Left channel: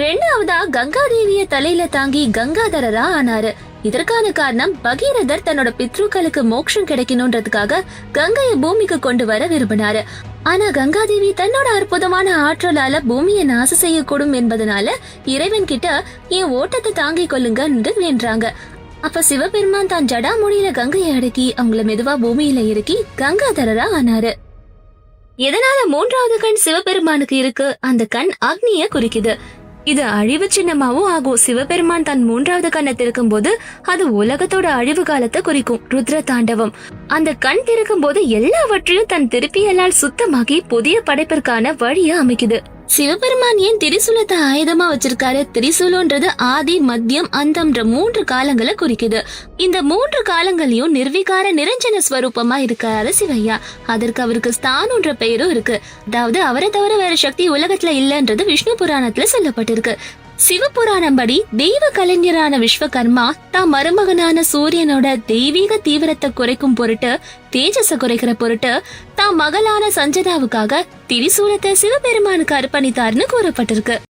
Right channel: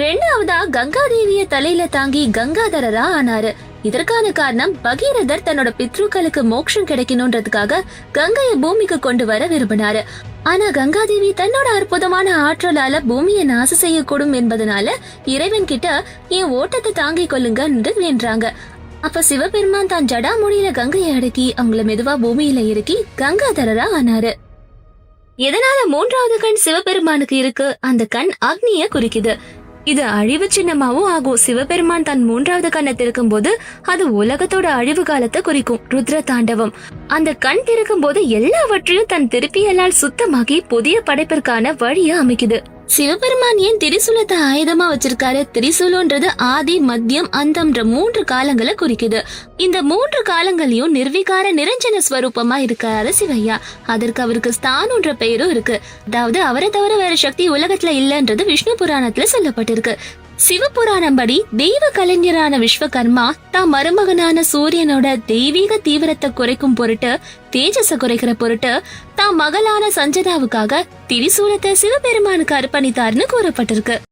ரெண்டாவதா கங்காதேவிய தலையில தாங்கி கங்காதரரா ஆனாரு. இதற்கான காரணம் பகீரதர் தன்னோட பித்ருக்களுக்கு மோட்சம் கிடைக்கணும்ன்றதுக்காக கங்கைய பூமிக்கு கொண்டு வர விரும்பினாரு. ஆனா கங்காதேவி தன்னோட அற்புதமான ஆற்றலால பூமியை நாசம் செய்யக்கூடும் என்பதனால இறைவன் கிட்ட என் ஓட்டத்தை தாங்கிக் கொள்ளுங்க வேண்டாங்க. அப்ப சிவபெருமான் தான் ஜடாமுடியில கங்கையை அடக்கி அவங்கள மெதுவா பூமியில இறக்கி கங்காதரரா ஆனாரு. எதனால மூன்றாவது கண் சிவபெருமானுக்கு இருக்கு? அந்த கண் அக்னிய குறிக்குது. இது அழிவு சின்னமாவும் ஆகும். சிவபெருமான் தன் மூன்றாவது கண்ணை திறக்கும் போது அது உலகத்தோட அழிவு காலத்தை குறிக்கும். ருத்ர தாண்டவம். அந்த கண் திறக்கும் போது எல்லாவற்றையும் தன் திருப்பியலால் சுத்தமாக்கி புதிய படைப்பிற்கான வழியை அமைக்குது. சிவபெருமான் ஏன் திரிசூலத்தை ஆயுதமா வச்சிருக்காரு? திரிசூலன்றது ஆதி, மத்தியம், அந்தம்ன்ற 3 காலங்களை குறிக்குது. இந்த 3 காலங்களையும் நிர்விகார நிரஞ்சன ஸ்வரூபமா இருக்காரு சிவையா. அதற்கு அவருக்கு ஸ்தானம்ன்ற பெயரும் இருக்கு. அதாவது அவரை தவிர வேற சக்தி உலகத்துல இல்லன்றது விஷ்ணு புராணத்துல சொல்லப்பட்டிருக்கு. சிவபுராணம் படி தெய்வ கலைஞரான விஸ்வகர்மா தான் மருமகனான சூரியனோட தெய்வீக தீவிரத்தை குறைக்கும் பொருட்டு, தேஜஸ குறைக்கிற பொருட்டு தான் மகளான சஞ்சனாவுக்காக திரிசூலத்தை சிவபெருமானுக்கு அர்ப்பணித்தார்னு கூறப்பட்டிருக்கு.